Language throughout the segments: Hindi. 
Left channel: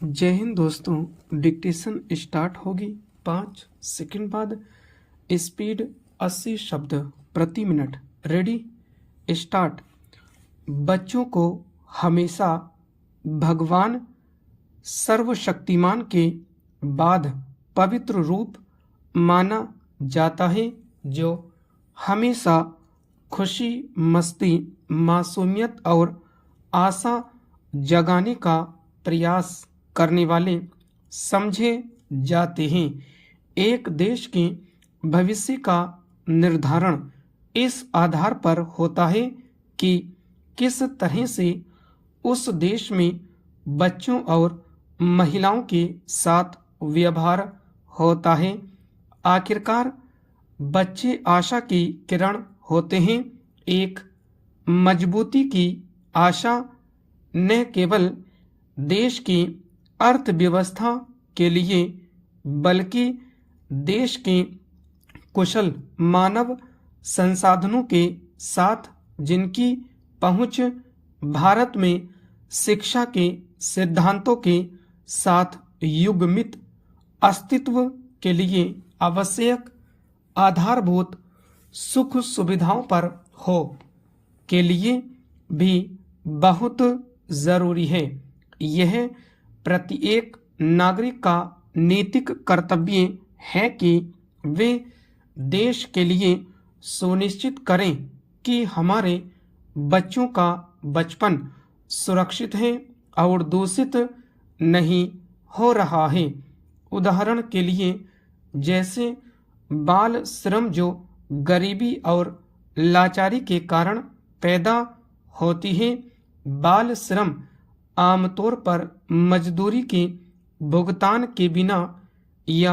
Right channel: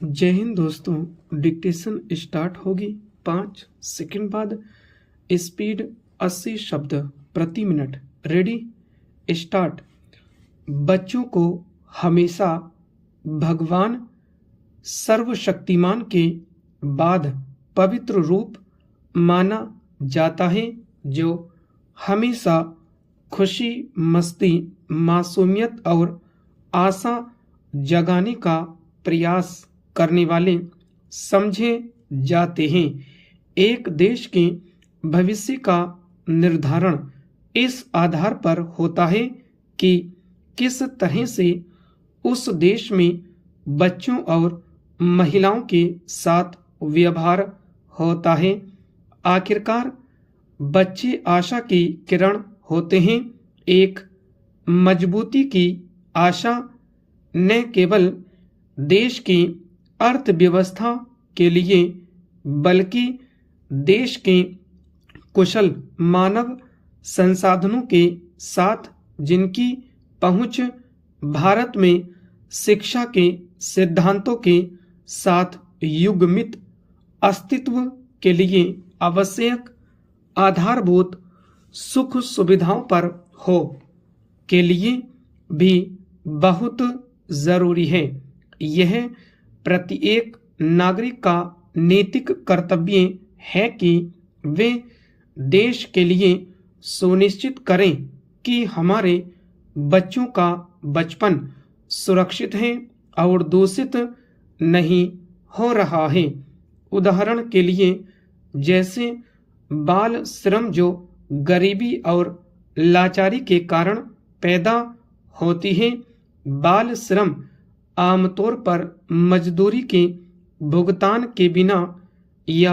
जय हिंद दोस्तों। डिक्टेशन स्टार्ट होगी 5 सेकंड बाद। स्पीड 80 शब्द प्रति मिनट। Ready start. बच्चों को हमेशा भगवान सर्वशक्तिमान के बाद पवित्र रूप माना जाता है, जो हमेशा खुशी, मस्ती, मासूमियत और आशा जगाने का प्रयास करने वाले समझे जाते हैं। एक देश के भविष्य का निर्धारण इस आधार पर होता है कि किस तरह से उस देश में बच्चों और महिलाओं के साथ व्यवहार होता है। आखिरकार बच्चे आशा की किरण होते हैं, एक मजबूती की आशा न केवल देश की अर्थव्यवस्था के लिए बल्कि देश के कुशल मानव संसाधनों के साथ, जिनकी पहुंच भारत में शिक्षा के सिद्धांतों के साथ युग्मित अस्तित्व के लिए आवश्यक आधारभूत सुख सुविधाओं पर हो के लिए भी बहुत जरूरी है। यह प्रत्येक नागरिक का नैतिक कर्तव्य है कि वे देश के लिए सुनिश्चित करें कि हमारे बच्चों का बचपन सुरक्षित है और दूषित नहीं हो रहा है। उदाहरण के लिए, जैसे बाल श्रम जो गरीबी और लाचारी के कारण पैदा होती है। बाल श्रम आमतौर पर मजदूरी के भुगतान के बिना या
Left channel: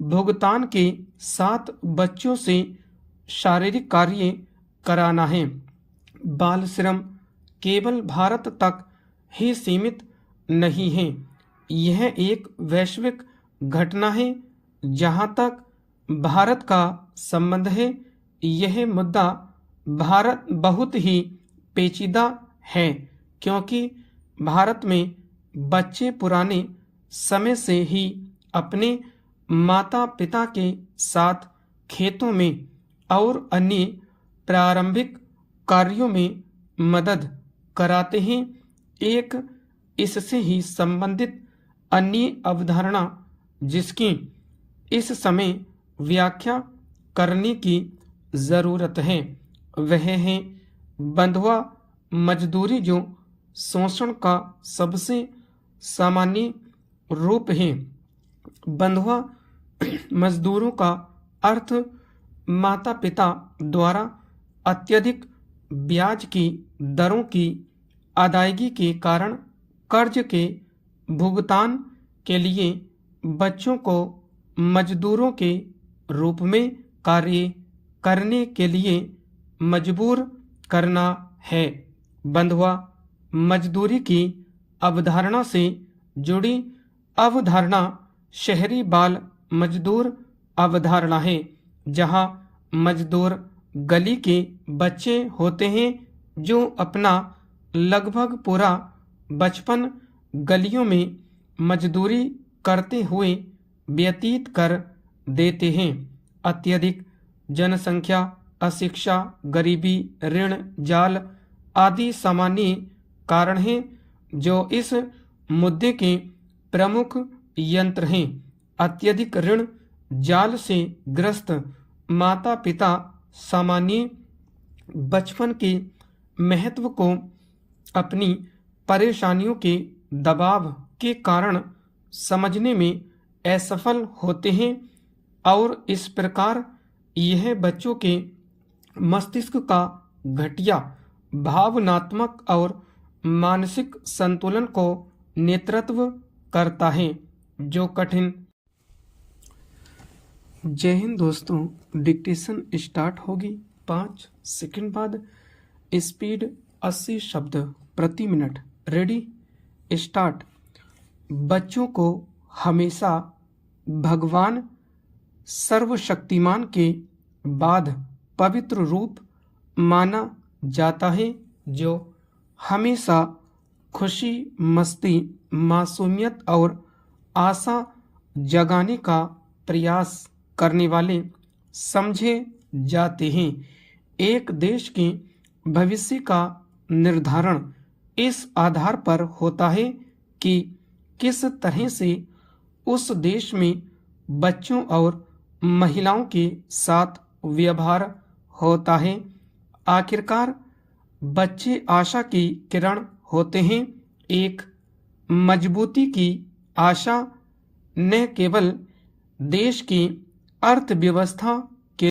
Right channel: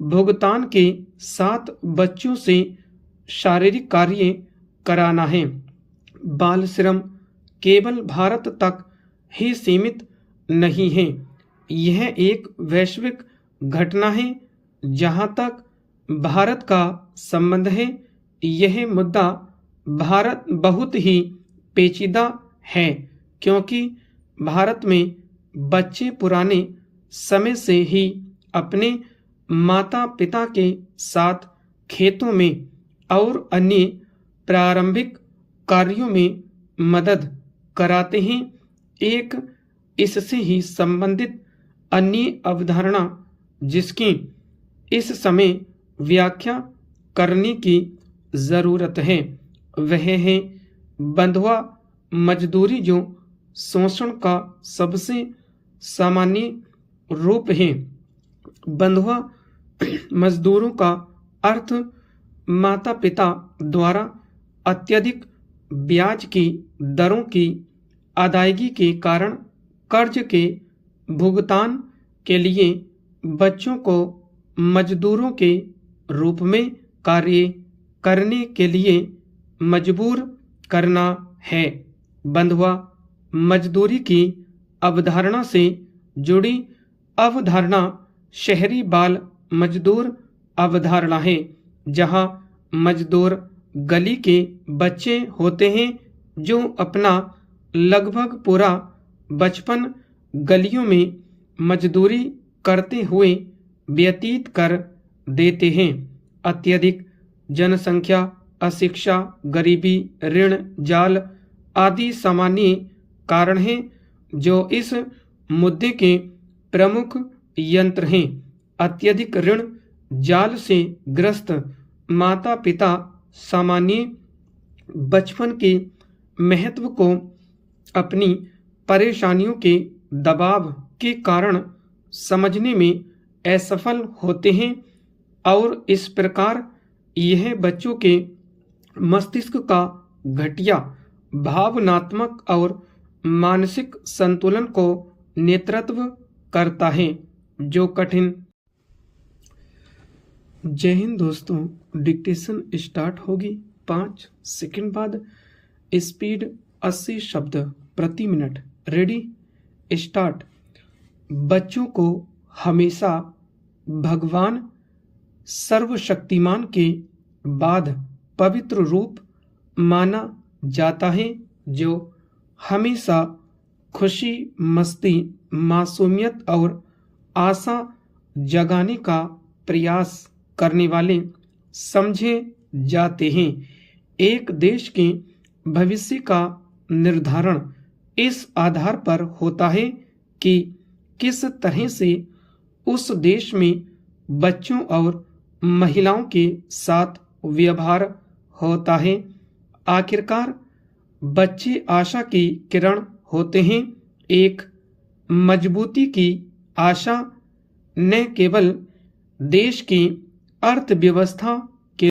भुगतान के साथ बच्चों से शारीरिक कार्य कराना है। बाल श्रम केवल भारत तक ही सीमित नहीं है, यह एक वैश्विक घटना है। जहां तक भारत का संबंध है, यह मुद्दा भारत बहुत ही पेचीदा है, क्योंकि भारत में बच्चे पुराने समय से ही अपने माता पिता के साथ खेतों में और अन्य प्रारंभिक कार्यों में मदद कराते हैं। एक इससे ही संबंधित अन्य अवधारणा जिसकी इस समय व्याख्या करने की जरूरत है, वह है बंधुआ मजदूरी, जो शोषण का सबसे सामान्य रूप है। बंधुआ मजदूरों का अर्थ माता पिता द्वारा अत्यधिक ब्याज की दरों की अदायगी के कारण कर्ज के भुगतान के लिए बच्चों को मजदूरों के रूप में कार्य करने के लिए मजबूर करना है। बंधुआ मजदूरी की अवधारणा से जुड़ी अवधारणा शहरी बाल मजदूर अवधारणा है, जहां मजदूर गली के बच्चे होते हैं जो अपना लगभग पूरा बचपन गलियों में मजदूरी करते हुए व्यतीत कर देते हैं। अत्यधिक जनसंख्या, अशिक्षा, गरीबी, ऋण जाल आदि सामान्य कारण हैं जो इस मुद्दे के प्रमुख यंत्र हैं। अत्यधिक ऋण जाल से ग्रस्त माता पिता सामान्य बचपन के महत्व को अपनी परेशानियों के दबाव के कारण समझने में असफल होते हैं और इस प्रकार यह बच्चों के मस्तिष्क का घटिया भावनात्मक और मानसिक संतुलन को नेतृत्व करता है, जो कठिन। जय हिंद दोस्तों। डिक्टेशन स्टार्ट होगी 5 सेकंड बाद। स्पीड 80 शब्द प्रति मिनट। Ready start. बच्चों को हमेशा भगवान सर्वशक्तिमान के बाद पवित्र रूप माना जाता है, जो हमेशा खुशी, मस्ती, मासूमियत और आशा जगाने का प्रयास करने वाले समझे जाते हैं। एक देश के भविष्य का निर्धारण इस आधार पर होता है कि किस तरह से उस देश में बच्चों और महिलाओं के साथ व्यवहार होता है। आखिरकार बच्चे आशा की किरण होते हैं, एक मजबूती की आशा न केवल देश की अर्थव्यवस्था